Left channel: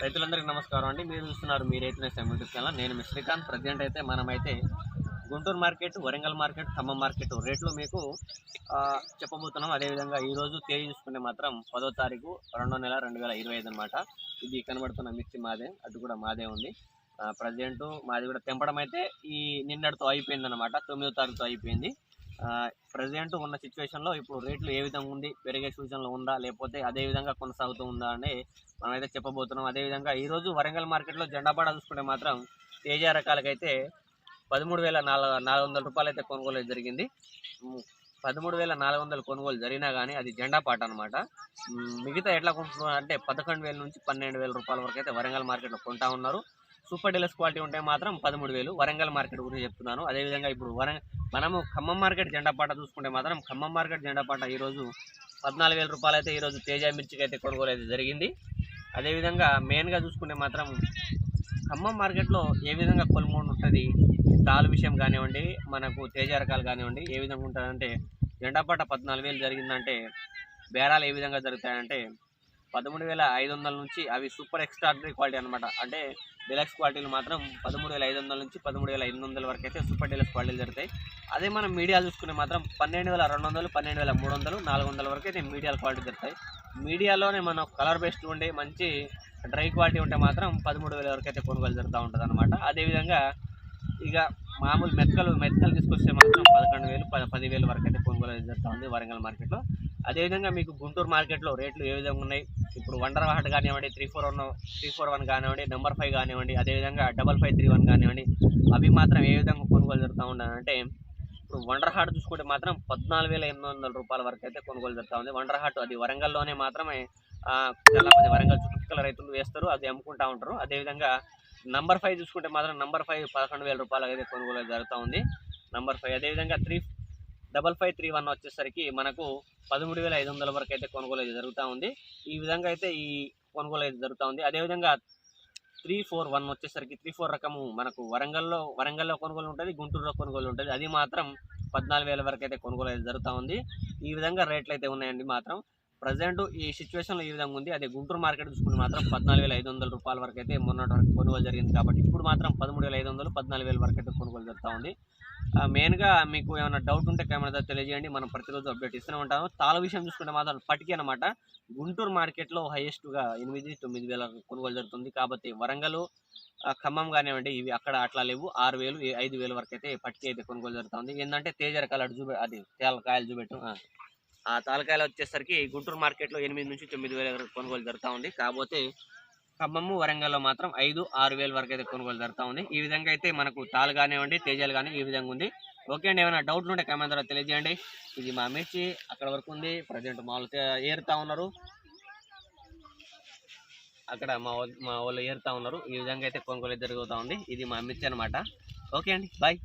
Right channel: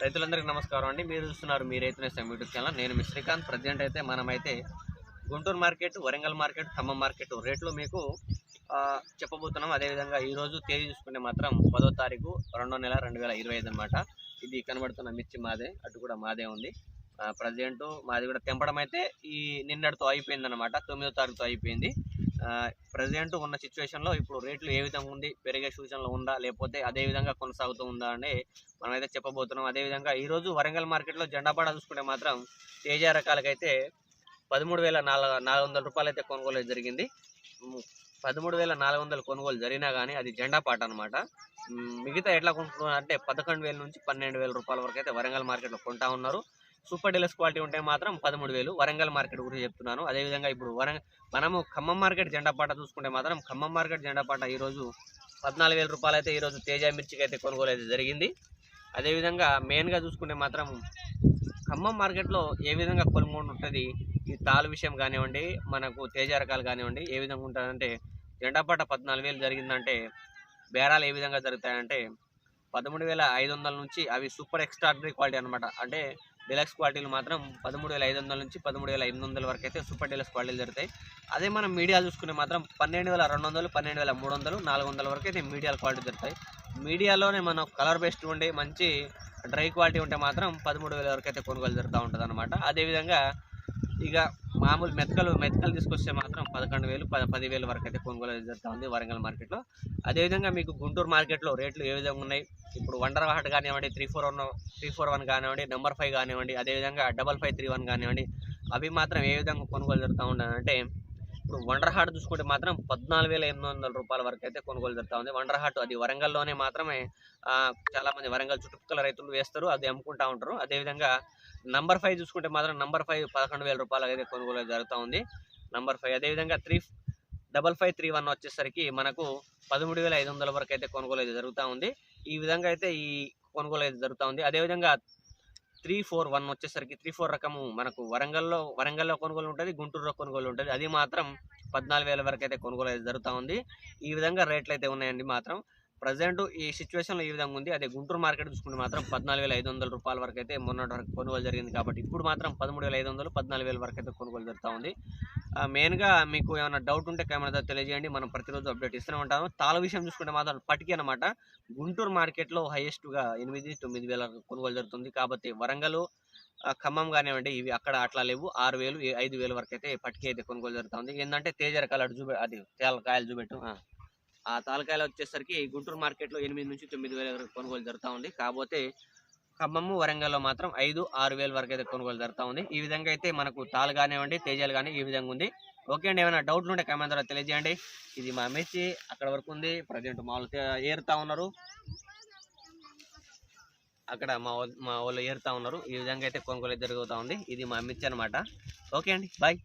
రైతులందరికీ నమస్కారం అండి. మీరు చూస్తున్నారు మీ రైతు నేస్తాం యూట్యూబ్ ఛానల్. నేను మీ శ్రీకాంత్. ప్రజెంట్ అయితే మనమైతే Guntur market Warangal market Khammam market రేట్లు మీకు చెప్పబోతున్నాం. అదేవిధంగా ఈరోజు తేదీ చూసుకుంటే మాత్రం పదో తారీఖు రెండో నెల రెండు వేల ఇరవై ఐదు అనమాట ఇది కనబడుతున్న మిర్చి మాదే అటు కూడా మాదే ఉంది. ప్రజెంట్ మాది కూడా తెంపడం అయితే ఈ నిన్నటితో అయిపోయింది అనమాట తొమ్మిదో తారీఖుతో అయిపోయింది. ప్రజెంట్ ఉన్న సిచ్యువేషన్లో ఇప్పుడు రేట్లు ఏ విధంగా ఉంది పెరిగే సూచనలు ఉందా లేకపోతే అదే విధంగా కొనసాగుతూ ఉందా అని మనమైతే చెప్పబోతున్నాం. అదేవిధంగా ఈరోజు వరంగల్ మార్కెట్లో జెండాపాడ చూసుకుంటే మాత్రం తేజ రకాలకైతే పదమూడు వేల నాలుగు నాలుగు వందల రూపాయలు అయితే కొనుగోలు జరిగింది. పదమూడు వేల నాలుగు వందలు కొనుగోలు జరిగినా కానీ అది జెండా పాట అనమాట మిగతా ఎట్లా కొంటున్నారు అంటే పదకొండు వేల నుంచి పన్నెండు వేల రూపాయల వరకు అయితే వరంగల్ మార్కెట్లో కొంటా ఉన్నారు. సూపర్ డీలక్స్ క్వాలిటీ ఉంటే మాత్రం పదమూడు వేలు. వరంగల్ మార్కెట్ గురించి చెప్తున్నాను. అదేవిధంగా ఇప్పుడు వరంగ మనము ఖమ్మం మార్కెట్ జెండాపాట చూసుకుంటే మాత్రం ఖమ్మం మార్కెట్ జెండాపాట ఈరోజు పద్నాలుగు వేల రూపాయలు అయితే ఈరోజు తేజ మిర్చికి అయితే కొనుగోలు అయితే జరిగింది. అదేవిధంగా మెయిన్గా చూసుకుంటే మాత్రం ఖమ్మం మార్కెట్లో ఏ విధంగా కొనుగోలు ఉంటుంది ఈ తాలు విషయం కానివ్వండి మనకు తేజ రకాలు కానివ్వండి ఏ విధంగా ఉంటుందంటే జెండాపాట పద్నాలుగు వేలు జరిగిందంటే బేరాలు ఏ విధంగా జరుగుతాయంటే పదమూడు వేల ఐదు వందల నుంచి అవి సూపర్ ఎక్స్ట్రాడనరీ క్వాలిటీ అనమాట అంటే డిలక్స్ క్వాలిటీలు మాత్రం పదమూడు వేల ఐదు వందల నుంచి పదమూడు వేల ఎనిమిది వందల వరకు అయితే సూపర్ డీలక్స్ క్వాలిటీలు జరుగుతాయి. అదే మనం మీడియాలు చూసుకునే మాత్రం పన్నెండు వేల రెండు వందలు పన్నెండు వేల మూడు వందలు నాలుగు వందల వరకు అయితే మీడియాల క్వాలిటీ దొరుకుతాయి. మీడియాలోనే మనం కలర్ బేస్డ్ ఉండే మంచి డ్రై క్వాలిటీ ఉంటే మాత్రం పదమూడు వేల వరకు అయితే కొనుగోలు జరుగుతూ ఉంటుంది అనమాట అదేవిధంగా ఇక మామూలు మెత్తలు మెత్తకలు తీసుకొస్తే మాత్రం పదకొండు వేలు పద పదివేలు వరకు అయితే కొనుగోలు జరుగుతూ ఉంది వరంగల్ మార్కెట్లో. అదేవిధంగా మీకు గుంటూరు మార్కెట్లో రేట్లు ఏ విధంగా ఉన్నాయి? ఇప్పుడు వండర్ హాట్ కానివ్వండి three four one three four one కానివ్వండి నెంబర్ ఫైవ్ కానివ్వండి అదేవిధంగా డబల్ ఫైవ్ త్రీ వన్ కానివ్వండి అవి మాత్రం ఏ విధంగా కొనుగోలు జరుగుతూ ఉండాలంటే ఇప్పుడు వండర్ హాట్ చూసుకుంటే మాత్రం పద్నాలుగు వేల ఎనిమిది వందల రూపాయల వరకు అయితే కొనుగోలు జరుగుతూ ఉంది. వండర్ హాట్ అది వరంగల్లోనే మాత్రమే చాలామంది వరంగల్ చుట్టుపక్కల రైతులు వేస్తారు అది అమ్ముకుంటా ఉంటారు. అదేవిధంగా నంబర్ ఫైవ్ చూసుకుంటే మాత్రం నంబర్ ఫైవ్ పదకొండు వేల రూపాయలు అయితే కొనుగోలు జరుగుతూ ఉంది. నంబర్ ఫైవ్ అదేవిధంగా three double five three one వచ్చేసరికి మనకు పదమూడు వేల ఐదు వందల వరకు అయితే కొనుగోలు అయితే జరుగుతూ ఉంది. ఈ విధంగా అయితే ఈ కొనుగోలు అయితే జరుగుతూ ఉంది. అదేవిధంగా త్రీ ఫోర్ వన్ వచ్చేసరికి త్రీ ఫోర్ రకము మనకు వరంగల్లో వరంగల్లో కొనుగోలు ఉంటుంది గుంటూరులో కొనుగోలు ఉంటుంది. అది మాత్రం పద్నాలుగు వేల వరకు అయితే కొనుగోలు అయితే జరుగుతూ ఉంది. ఈ విధంగా రేట్లు అయితే ఉన్నాయండి మాత్రం. ప్రజెంట్ ఈ సిచ్యువేషన్లో ఈ విధంగా ఉంది. అదే గుంటూరు మార్కెట్ చూసుకుంటే మాత్రం పద్నాలుగు వేల ఐదు వందల రూపాయల వరకు అయితే మొన్నటి వరకు కొనుగోలు జరిగింది కాబట్టి ఇప్పుడు మాత్రం పదమూడు వేల ఐదు వందలు పద్నాలుగు వేల వరకు అయితే కొనుగోలు జరుగుతూ ఉంది. మెయిన్గా మీకు ఏమైనా డౌట్ ఉంటే కెమెరా తెలియజేయండి. మనం ప్రతిరోజు అప్డేట్ ఇస్తూనే ఉంటాము. తాళ విషయం చూసుకుంటే మాత్రం పటికి అనమాట గుంటూరు మార్కెట్లో హైయెస్ట్గా ఎనిమిది తొమ్మిది వేల కొనుగోలు జరుగుతుంది. కాబట్టి వరంగల్ ఖమ్మం కానివ్వండి ఇవి అక్కడ అట్లా లేవు. ఆరు వేలు ఐదు వేలు వరకు అయితే పట్టిక అయితే కొనుగోలు జరుగుతుంది ఏంటంటే తేజ రకాలు అటు చూపె అది తేల కాయలు చూపెట్టు ఆ. ఆ తాలకాయలు వచ్చేసరికి గుంటూరు మార్కెట్లో ఎనిమిది నుంచి తొమ్మిది వేల వరకు కొనుగోలు జరుగుతూ ఉంది. కాకపోతే ఖమ్మము వరంగల్లో మాత్రం ఐదు ఆరు వేల వరకు అయితే కొనుగోలు జరుగుతూ ఉంది. ఈ విధంగా అయితే మనకు తాలు కానివ్వండి తేజాలు కానీ ఈ విధంగా ఉంది. ఓకే అండి ఏమైనా డౌట్లు ఉంటే కామెంట్ ద్వారా తెలియజేయండి. ఇది మా మిర్చి అక్కడ వరకు ఉంది. ప్రజెంట్ మామూలు ఏరుతా ఉన్నారు. అక్కడ మా మా వాళ్ళు ఏరుతా ఉన్నారు. ఈ విధంగా అయితే కొనుగోలు జరుగుతూ ఉంది. ఇది మా మిర్చి అనమాట ఓకే అండి బాయ్